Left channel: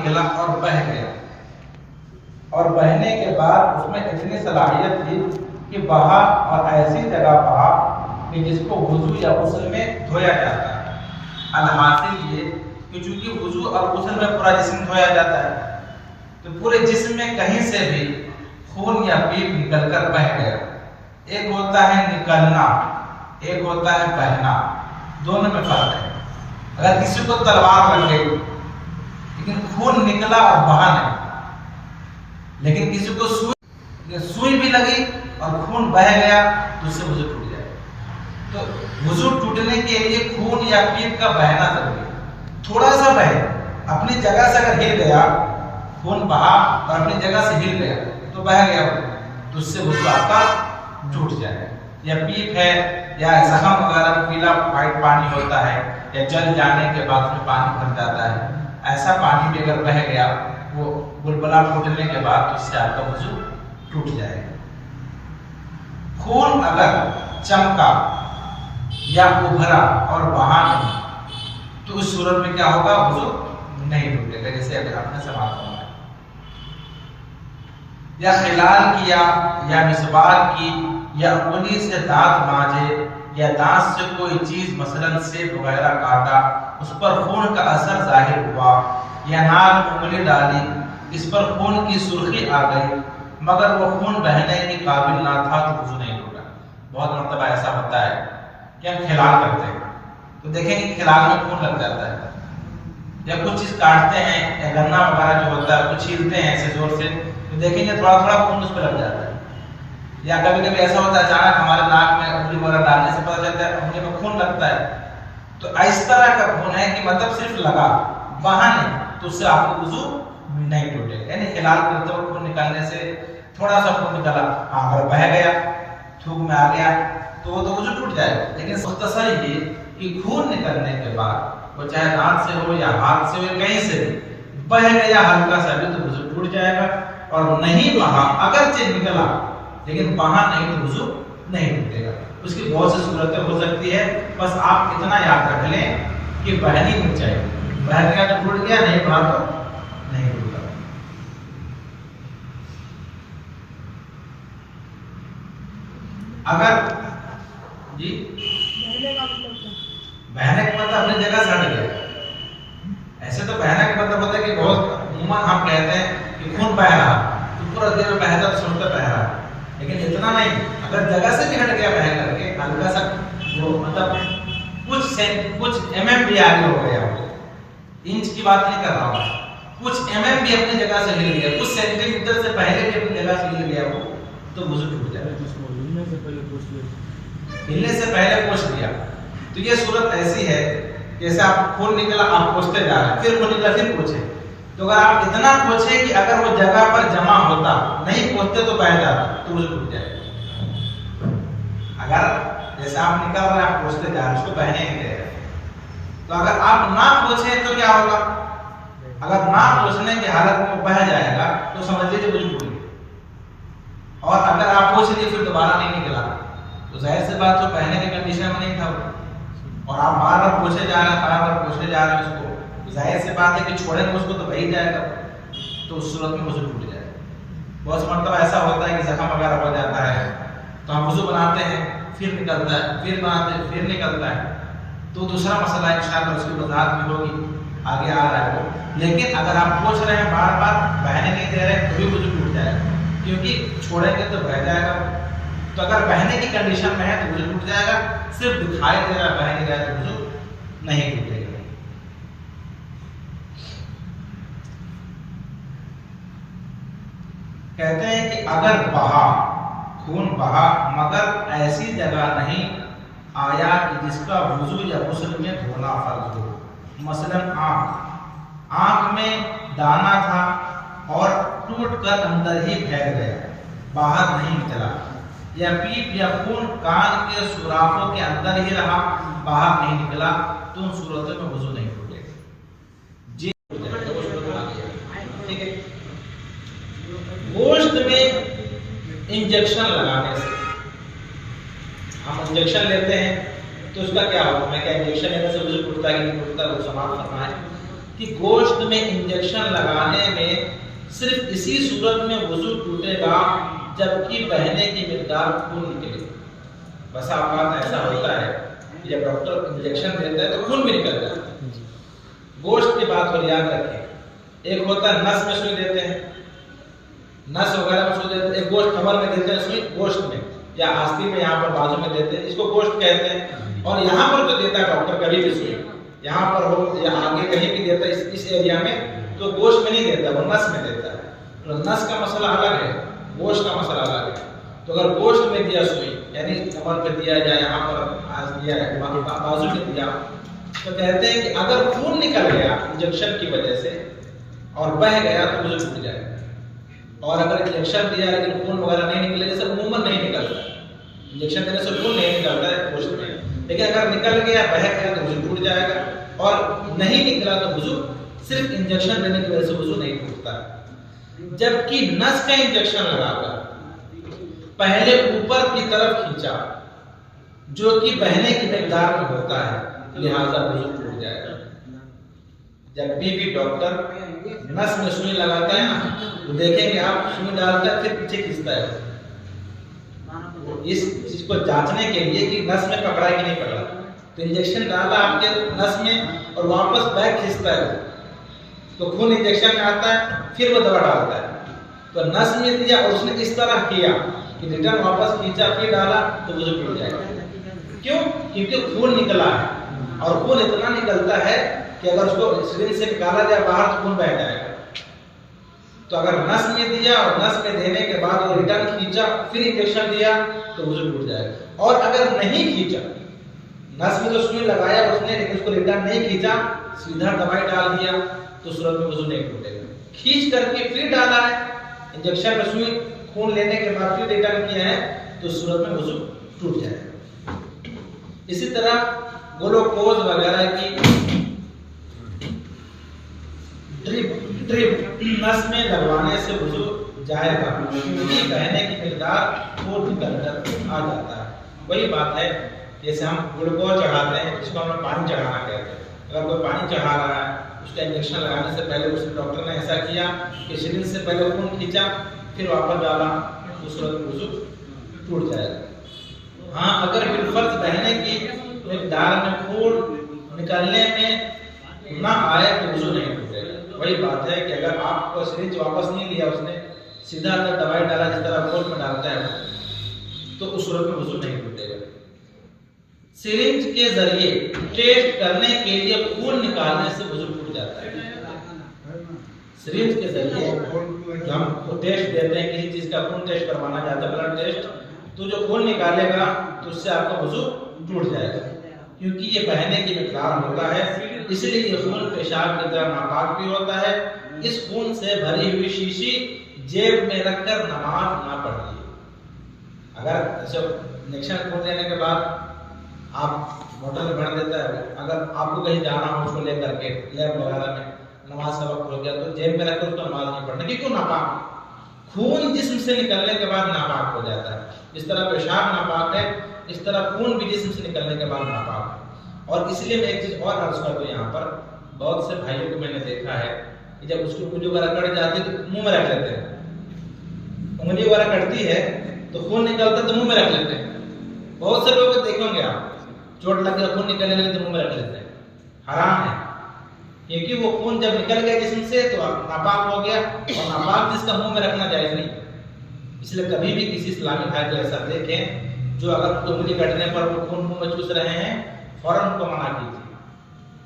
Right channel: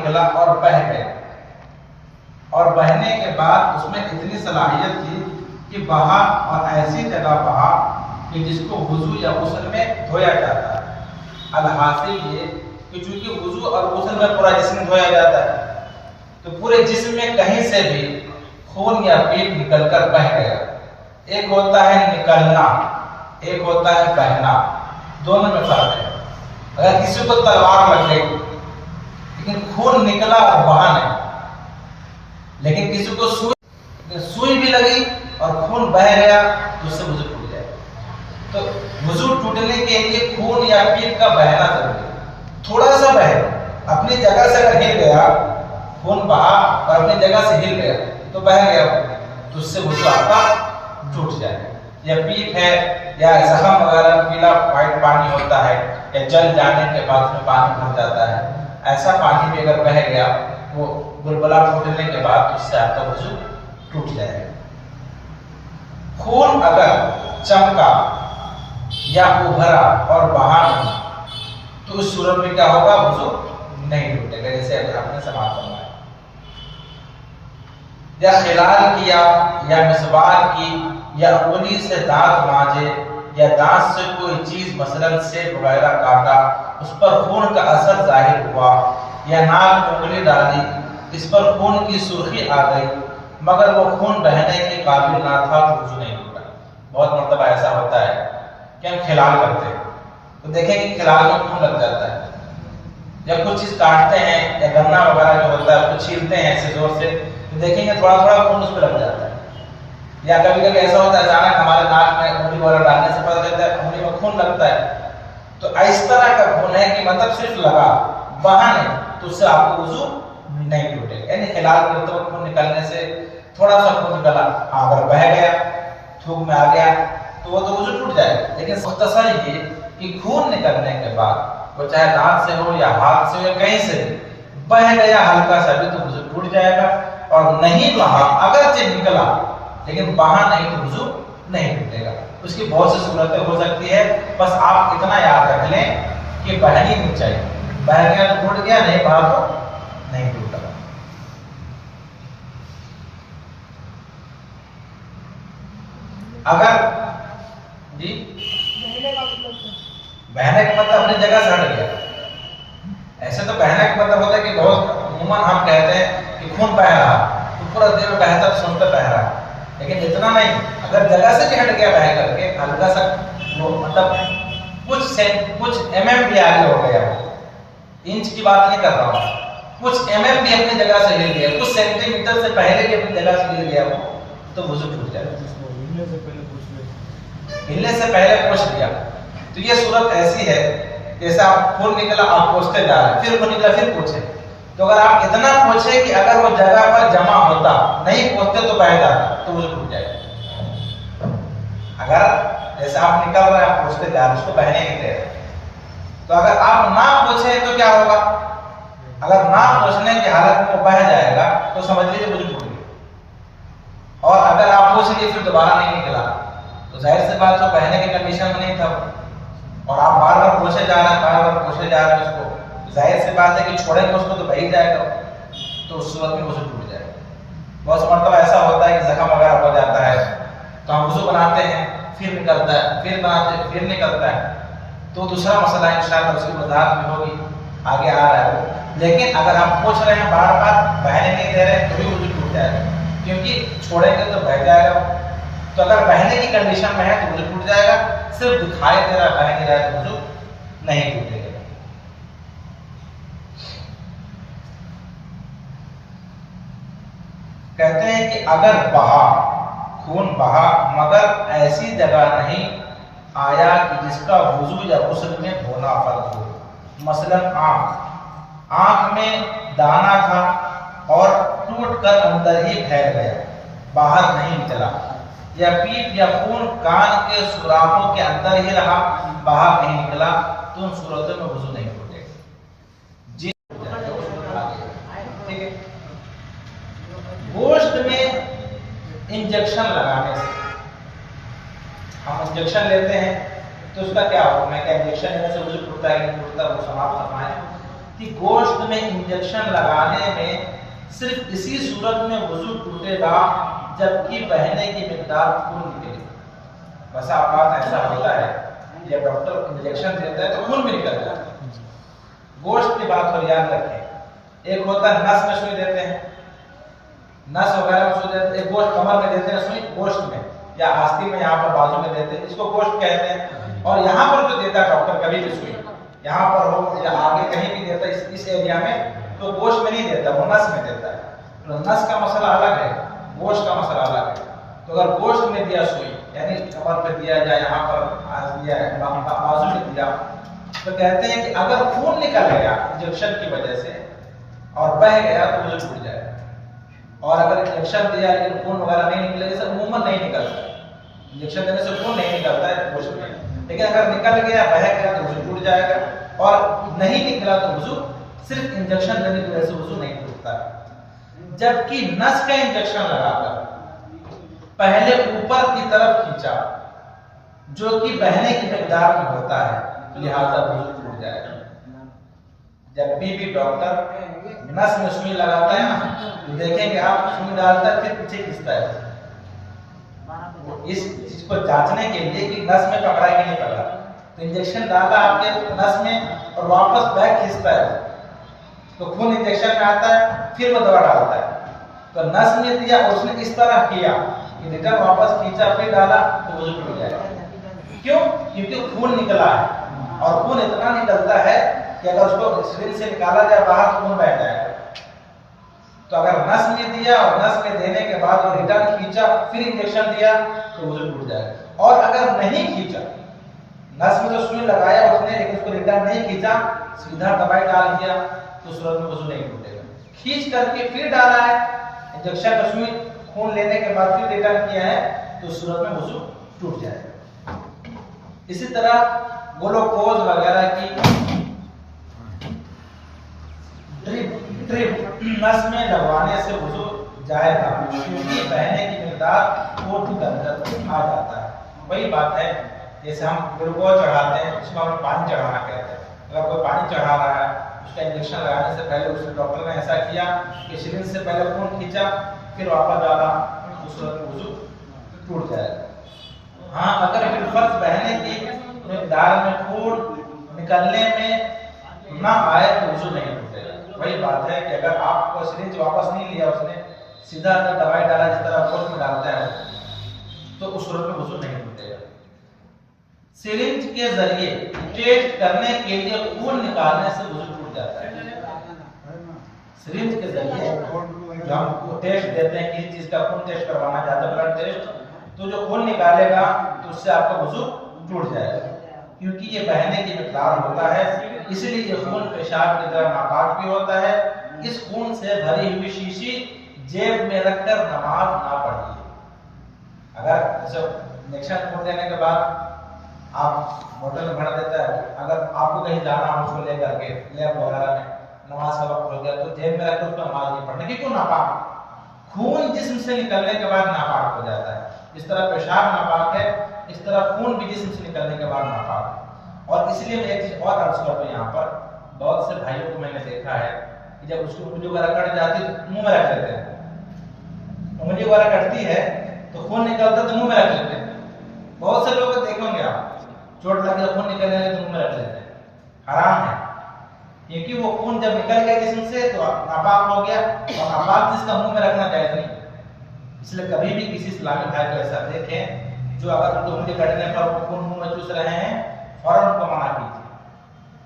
निकला और बह गया, और बहने के बाद उसमें इतनी सलाहियत थी कि बहा और ऐसी जगह बहा कि जिसको वुजू या गुस्ल में धोया जाता है। अलहासिल ये कि चूंकि वुजू और गुस्ल में पूरा जिस्म धोया जाता है, तो पूरे जिस्म में कहीं से भी खून या पीप निकलकर बह गया। एक होता है निकलना, एक होता है बहना, दोनों में फर्क है। अगर किसी को तलवार लग गई लेकिन खून निकला और बहा नहीं, लेकिन किसी को सुई भी लगी और खून बह गया तो उससे वुजू टूट जाए। तो वुजू टूटने के लिए खून या पीप का बहना जरूरी है। थोड़ा सा बहे, अपनी जगह से अगर हिल गया, खून बहा और अपनी जगह से हिल गया तो बह गया, तो उससे वुजू आपका टूट जाएगा। या पीप है या जख्म वगैरह में पीला व्हाइट पानी होता है, या जल जाने के बाद उसमें पानी भर जाता है, ऐसा पानी भी अगर बह गया वो बुलबुला टूटने के बाद तो उससे आपका वुजू टूट जाएगा। खून अगर चमका या उभरा और बहा नहीं तो उस सूरत में क्या होगा, वुजू नहीं टूटेगा। जैसे अगर आपने समाप्त करवाया या खिलाल किया या मिसवाक की या उंगली से दांत मांजे या दांत से कोई चीज मसलन सेब वगैरह काटा, उस पर खून का असर जाहिर हुआ, या नाक में उंगली डाली, इस पर खून की सुर्खी आ गई मगर वो खून बहने के काबिल ना था तो वुजू नहीं टूटा। बहुत मरतबा ऐसा होता है कि हम खिलाल करते हैं तो देखेंगे खिलाल में खून लग जाता है, या कुछ चीज काटते हैं या गन्ना वगैरह जो होता है कुछ छीलते हैं ऐसे जोर से तो देखेंगे थोड़ा थोड़ा खून उस पर लग जाता है। या कभी कभी ऐसा होता है अचानक हमारे नाक में उंगली वगैरह डालने से पता चलता है उंगली में खून लगता है। तो इस तरह का खून है कि मतलब सिर्फ लगा, बहा नहीं, तो उससे आपको वुजू नहीं टूटेगा। यानी खिलाल करते हुए खून निकलने से थोड़ा सा खून निकला, अगर बह गया, थूक में आ गया तो वो तो वुजू टूट जाएगा। लेकिन मुख्तसर ये कि खून निकलने के बाद वो चाहे दांत से हो या हाथ से हो, कहीं से बह गया हल्का सा भी तो वुजू टूट जाएगा, और नहीं बहा, अगर से निकला लेकिन बहा नहीं तो वुजू नहीं टूटेगा। उसकी बहुत सी सूरतें हो सकती है, बस आप इतना याद रख लें कि बहनी नहीं चाहिए। बह गया तो टूट गया, नहीं बहा तो नहीं टूटा। अगर जी बहने का मतलब अपनी जगह से हट गया। ऐसे तो बहने का मतलब होता है कि बहुत अमूमन हम कहते हैं कि खून बह रहा तो पूरा देह में बहता तो सुनकर बह रहा, लेकिन इतना नहीं, अगर जगह से भी हट गया बह करके हल्का सा वो मतलब कुछ एमएम भी आगे हो गया, इंच की बात नहीं कर रहा हूँ, कुछ एमएम भी अपनी जगह से हिल गया, कुछ सेंटीमीटर से पहले भी अपनी जगह से हिल गया वो तो वुजू टूट जाएगा। हिलने से पहले पोंछ दिया तो ये सूरत ऐसी है जैसे आप खून निकला आप पोंछते जा रहे हैं, फिर खून निकला फिर पोंछे, तो अगर आप इतना पोंछे कि अगर वो जगह पर जमा होता, नहीं पोंछते तो बह जाता तो वुजू टूट जाएगा। अगर जैसे आप निकल रहे हैं आप पोंछते जा रहे हैं, उसको बहने नहीं दे रहे, तो अगर आप ना पोंछे तो क्या होगा, अगर ना पोंछने की हालत में बह जाएगा तो समझ लीजिए वुजू टूट गया। और अगर आप पोंछ लिए फिर दोबारा नहीं निकला तो जाहिर सी बात तो बहने के कंडीशन में नहीं था, और आप बार बार पोंछे जा रहे हैं, बार बार पोंछे जा रहे हैं उसको, तो जाहिर सी बात है कि छोड़ेंगे उसको तो बह ही जाएगा, तो उस सूरत में वुजू टूट जाएगा। बहुत सा मतलब ऐसा होता है कि जख्म वगैरह हो जाता है तो हम वुजू बनाते हैं फिर निकलता है, फिर बनाते हैं फिर निकलता है, तो दूसरा मसला इंशाअल्लाह उसकी वजाहत में होगी, आगे आ रहा है वो। लेकिन अगर आप पोंछ रहे हैं बार बार बहने नहीं दे रहे हैं तो भी वुजू टूट जाएगा, क्योंकि छोड़ेंगे तो बह जाएगा। तो अगर बहने की कंडीशन में है तो वुजू टूट जाएगा, सिर्फ दिखाई दे रहा है बह नहीं रहा है तो वुजू नहीं टूटेगा। कहते हैं कि अगर बहा, खून बहा मगर ऐसी जगह नहीं आया कि जिसका वुजू या गुस्ल में धोना फर्ज हो, मसलन आंख में दाना था और टूटकर अंदर ही फैल गया, बाहर नहीं निकला, या पीप या खून कान के सुराखों के अंदर ही रहा, बाहर नहीं निकला, तो उन सूरतों में वुजू नहीं टूटेगा। जी ठीक है। गोश्त में इंजेक्शन लगाने से, हम इंजेक्शन लेते हैं तो उसका क्या होगा, मैं क्या इंजेक्शन लेने से वुजू टूटता है कि नहीं टूटता, वो समाप्त फरमाए कि गोश्त में इंजेक्शन लगाने में सिर्फ इसी सूरत में वुजू टूटेगा जबकि बहने की मिकदार खून निकले। बस औकात ऐसा होता है कि जब डॉक्टर इंजेक्शन देता है तो खून भी निकल जाता है। गोश्त की बात और याद रखें, एक होता है नस में सुई देते हैं, नस वगैरह में सुई देते हैं, एक गोश्त कमर में देते हैं सुई गोश्त में, या आस्तीन में यहाँ पर बाजू में देते हैं, इसको गोश्त कहते हैं। और यहाँ पर जो देता है डॉक्टर कभी भी सुई, यहाँ पर हो या आगे कहीं भी देता है इस एरिया में, तो गोश्त में नहीं देता, वो नस में देता है। तो नस का मसला अलग है, गोश्त का मसला अलग है। तो अगर गोश्त में दिया सुई, यानी कमर पे दिया या यहाँ पर दिया है, बाजू में दिया, तो कहते हैं कि अगर खून निकल गया इंजेक्शन की वजह से और बह गया तो वुजू टूट जाएगा। और अगर इंजेक्शन दिया लेकिन खून वगैरह नहीं निकले, जैसे अमूमन नहीं निकलता, इंजेक्शन देने से खून नहीं निकलता है गोश्त में, लेकिन अगर निकल गया बह गया तो वुजू टूट जाएगा। और नहीं निकला तो वुजू, सिर्फ इंजेक्शन देने की वजह से वुजू नहीं टूटता। जबकि नस का इंजेक्शन लगाकर पहले ऊपर की तरफ खींचा, जो कि बहने की मिकदार में होता है, लिहाजा वुजू टूट जाएगा। जब भी डॉक्टर नस में सुई लगाता है ना, तो देखेंगे आप सुई डालता है फिर पीछे खींचता है, इस चीज को जांचने के लिए कि नस में पकड़ा है कि नहीं पकड़ा। तो इंजेक्शन डाला आपके नस में और वापस बैक खींचता है, तो खून इंजेक्शन में आता है, फिर वो दवा डालता है। तो नस में दिया और उसने इस तरह किया कि रिटर्न वापस खींचा फिर डाला, तो वुजू टूट जाएगा। क्यों? क्योंकि खून निकला है, और खून इतना निकलता है कि अगर उसको सिरिंज से निकाला जाए बाहर तो खून बह जाएगा। तो अगर नस में दिया और नस में देने के बाद वो रिटर्न खींचा फिर इंजेक्शन दिया तो वुजू टूट जाएगा। और अगर नहीं खींचा, नस में तो सुई लगाया उसने लेकिन उसको रिटर्न नहीं खींचा, सीधा दवाई डाल दिया, तो सूरत में वुजू नहीं टूटेगा। खींच करके फिर डाला है इंजेक्शन में सुई, खून लेने के बाद फिर रिटर्न किया है, तो सूरत में वुजू टूट जाएगा। इसी तरह ग्लूकोज वगैरह की ड्रिप नस में लगवाने से वुजू जाएगा, क्योंकि बहने की मिकदार और निकल कर आ जाता है। वही बात है जैसे हम ग्लूकोज चढ़ाते हैं, इसको हमें पानी चढ़ाना कहते हैं। अगर कोई पानी चढ़ा रहा है, उसका इंजेक्शन लगाने से पहले उसने डॉक्टर ने ऐसा किया कि सिरिंज से पहले खून खींचा फिर वापस डाला, तो सूरत में वुजू टूट जाएगा। हाँ, अगर बिलफर्ज बहने की मिकदार में खून निकलने में ना आए तो वुजू नहीं टूटेगा। वही बात है कि अगर आपको सिरिंज वापस नहीं लिया, उसने सीधा ना दवाई डाला जिस तरह खून में डालता है, तो उस सूरत में वुजू नहीं टूटेगा। सिरिंज के जरिए टेस्ट करने के लिए खून निकालने से वुजू टूट जाता है। सिरिंज के जरिए जो हम टेस्ट देते हैं, किसी चीज का खून टेस्ट करवाना चाहते हैं, ब्लड टेस्ट, तो जो खून निकालेगा तो उससे आपका वुजू टूट जाएगा, क्योंकि ये बहने की मिकदार होता है। इसलिए ये खून पेशाब की तरह नापाक भी होता है। इस खून से भरी हुई शीशी जेब में रखकर नमाज ना पढ़िए। अगर इंजेक्शन खून लेने के बाद आप बोतल में भर देता है, अगर आपको कहीं जाना हो उसको लेकर के लैब वगैरह में, नमाज का वक्त हो गया तो जेब में रखकर उसको नमाज नहीं पढ़ना, क्योंकि नापाक खून जिस्म से निकलने के बाद नापाक हो जाता है। जिस तरह पेशाब नापाक है, इस तरह खून भी जिस्म से निकलने के बाद नापाक है। और इसलिए मैं एक चीज और अर्ज करता हूँ, यहाँ पर बहुत से भाइयों को मैंने देखा है कि जब उसको उंगली वगैरह कट जाती है तो मुंह में रख लेते हैं, उंगली वगैरह कटती है तो खून निकलता है तो मुंह में रख लेते हैं। बहुत से लोग देखेंगे आप, चोट लगी खून निकलने लगे तो मुंह में रख लेते हैं। हराम है, क्योंकि वो खून जब निकल गया जिस्म से तो नापाक हो गया, और नापाक जिसका मुंह में रखना जायज नहीं। इसलिए कभी भी किसी इस्लामी भाई को ऐसा देखें जो अगर उंगली कटने पर वो खून मुंह में चूस रहे हैं, फौरन उनको मना कीजिए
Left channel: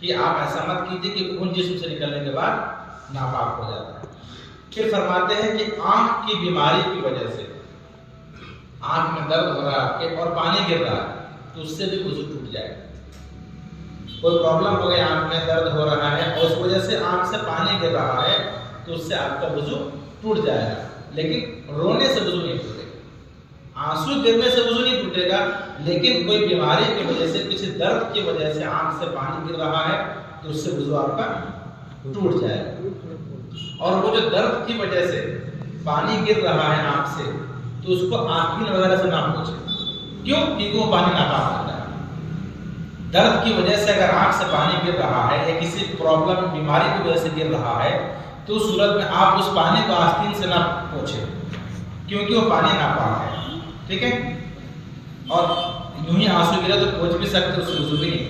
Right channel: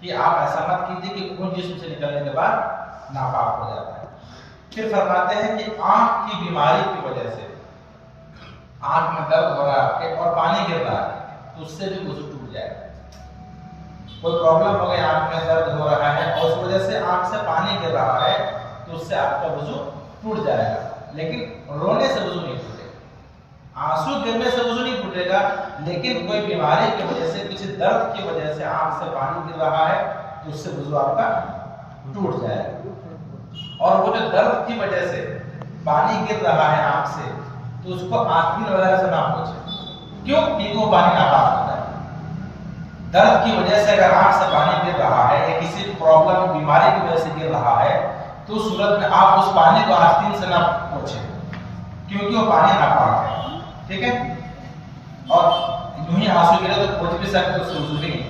कि आप ऐसा मत कीजिए कि खून जिस्म से निकलने के बाद नापाक हो जाता है। फिर फरमाते हैं कि आंख की बीमारी की वजह से आंख में दर्द हो रहा है आपके और पानी गिर रहा है, तो उससे भी वुजू टूट जाएगा। कोई प्रॉब्लम हो गई, आंख में दर्द हो रहा है और उस वजह से आंख से पानी गिर रहा है, तो उससे आपका वुजू टूट जाएगा। लेकिन रोने से वुजू नहीं टूटेगा, आंसू गिरने से वुजू नहीं टूटेगा, लेकिन कोई बीमारी की वजह से, किसी दर्द की वजह से आंख से पानी गिर रहा है तो उससे वुजू आपका टूट जाएगा। और वो जो दर्द की वजह से पानी गिर रहा है आंख से, तो उसको आंखीन वगैरह से ना पूछे। क्यों? क्योंकि वो पानी नापाक होता है। दर्द की वजह से अगर आंख से पानी गिर रहा है या किसी प्रॉब्लम बीमारी की वजह से गिर रहा है तो उस सूरत में आप उस पानी को आस्तीन से ना पोंछे, क्योंकि वो पानी नापाक है। ठीक है, और यूं ही आंसू गिरे तो पोंछ भी सकते, उससे वजू भी नहीं।